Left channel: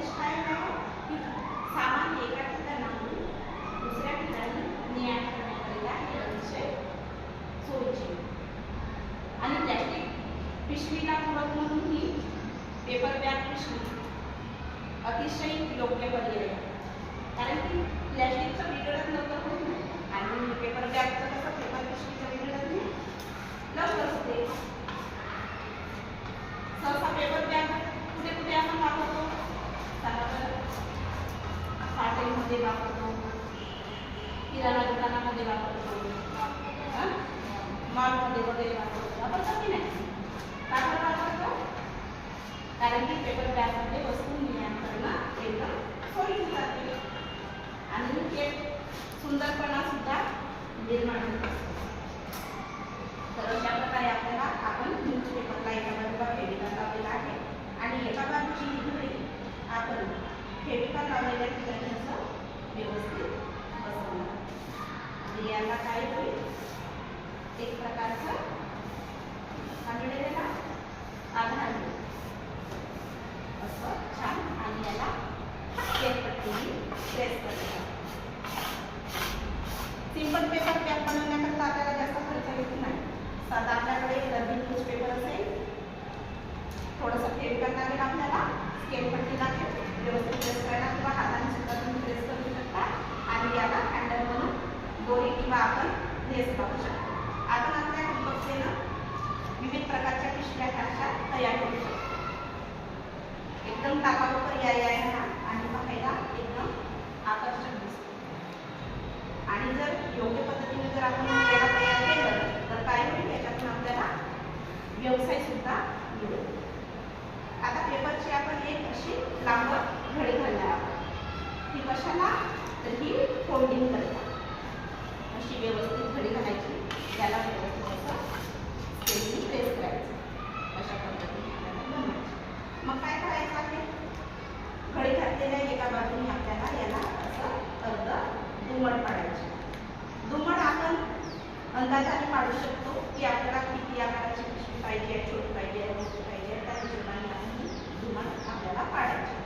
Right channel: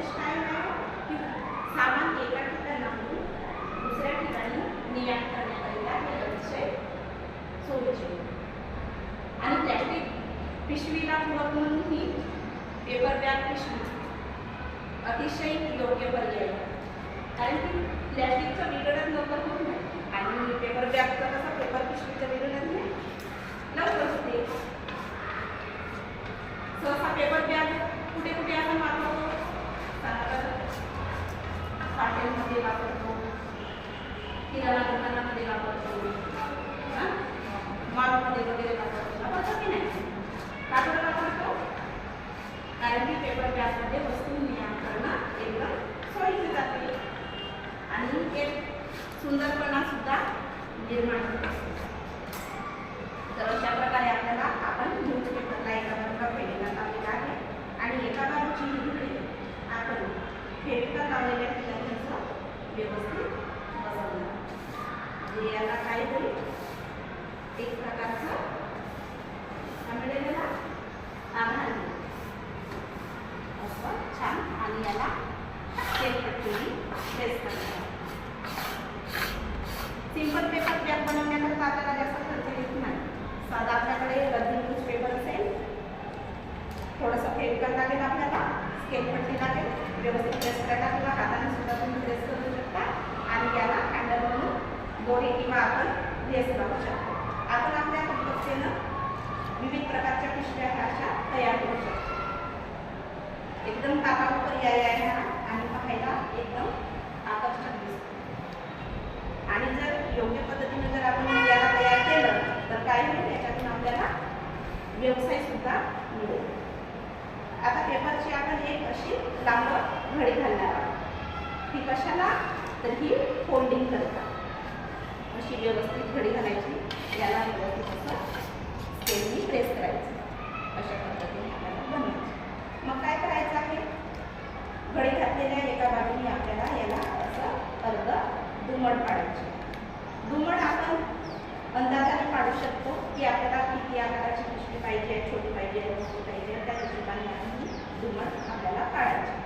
उद्देश काय आहे की सामान एका ठिकाणाहून दुसऱ्या ठिकाणी ने-आण करण्याकरिता हे अतिशय सोयीचे आणि प्लॅस्टिक पिशवीला पूरक म्हणून ही पेपर बॅग पिशवी अतिशय योग्य पर्याय आहे. कारण की प्लॅस्टिकचं विघटन लवकर होत नाही आणि पेपर बॅगचं कसं पेपर पिशवीचं विघटन नाही लवकर होते. सहसा पेपर बॅग कुठे कुठे आपण वापरतो, हॉटेलमध्ये वापरतो, किराणा दुकानामध्ये वापरतो, मॉलमध्ये वगैरे वापरतो की नाही. का बरं वापरतो? कारण की पेपर बॅगमध्ये वस्तू ने-आण करणं एकदम सोयीचं जाते आणि एक सुंदरपणा सुद्धा निर्माण होतो. तर अशा प्रकारे आपल्याला आपण न्यूजपेपरला एका बाजूला फेविकॉल लावलेला आहे आणि एका बाजूची ही घडी आपण फेविकॉल लावलेल्या ठिकाणी असं व्यवस्थित बसवलं म्हणजे याला काय होईल, एक प्रकारचं त्याला आधार मिळेल असं छान. आणि याला पट्टीने प्रेस करायचं. सिंपल पेपर बॅग बनवण्याकरता आपल्याला जास्त खर्च येत नाही. साधा आपल्याकडे रद्दी न्यूजपेपर असेल, थोडंसं फेविकॉल लागेल, आपल्याला स्केल पट्टी लागेल, व्यवस्थित प्रेस करायला किंवा हाताने सुद्धा तुम्ही प्रेस करू शकता आणि याला हँडल म्हणून दोरी किंवा आपण लेस लावू शकतो. आपण आपल्या कुटुंबानं विविध प्रकारच्या पिशव्या अशा तयार करू शकतो. एकदम टाकाऊ पर्याय आहे हा आणि पाहायला एकदम आकर्षक दिसतो. आणि जर योग्य पद्धतीने जर आपण याला तयार केलं तर काय होईल, याच्यातून आपल्याला व्यवसाय सुद्धा मिळेल. आता पेपरची आपण एक अशी लांब घडी घालणार आहोत. ती कशाला, तर ही फोल्डिंग करता अशी व्यवस्थित घडी घालायची. याला व्यवस्थित असं स्केलनी प्रेस करायचं. अशा पद्धतीने आपल्याला बनवायचं. मग काय करायचं आहे, घडी घातलेल्या एका बाजूने आपल्याला याला असं अर्ध दुमड पाडायची. दुमड आपण अंदाजाने पाडू शकतो की आपल्याला किती आकाराची पिशवी पाहिजे, छोटी पाहिजे, मोठी पाहिजे, त्या हिशोबाने आपण ही दुमड आपल्याला पाडायची.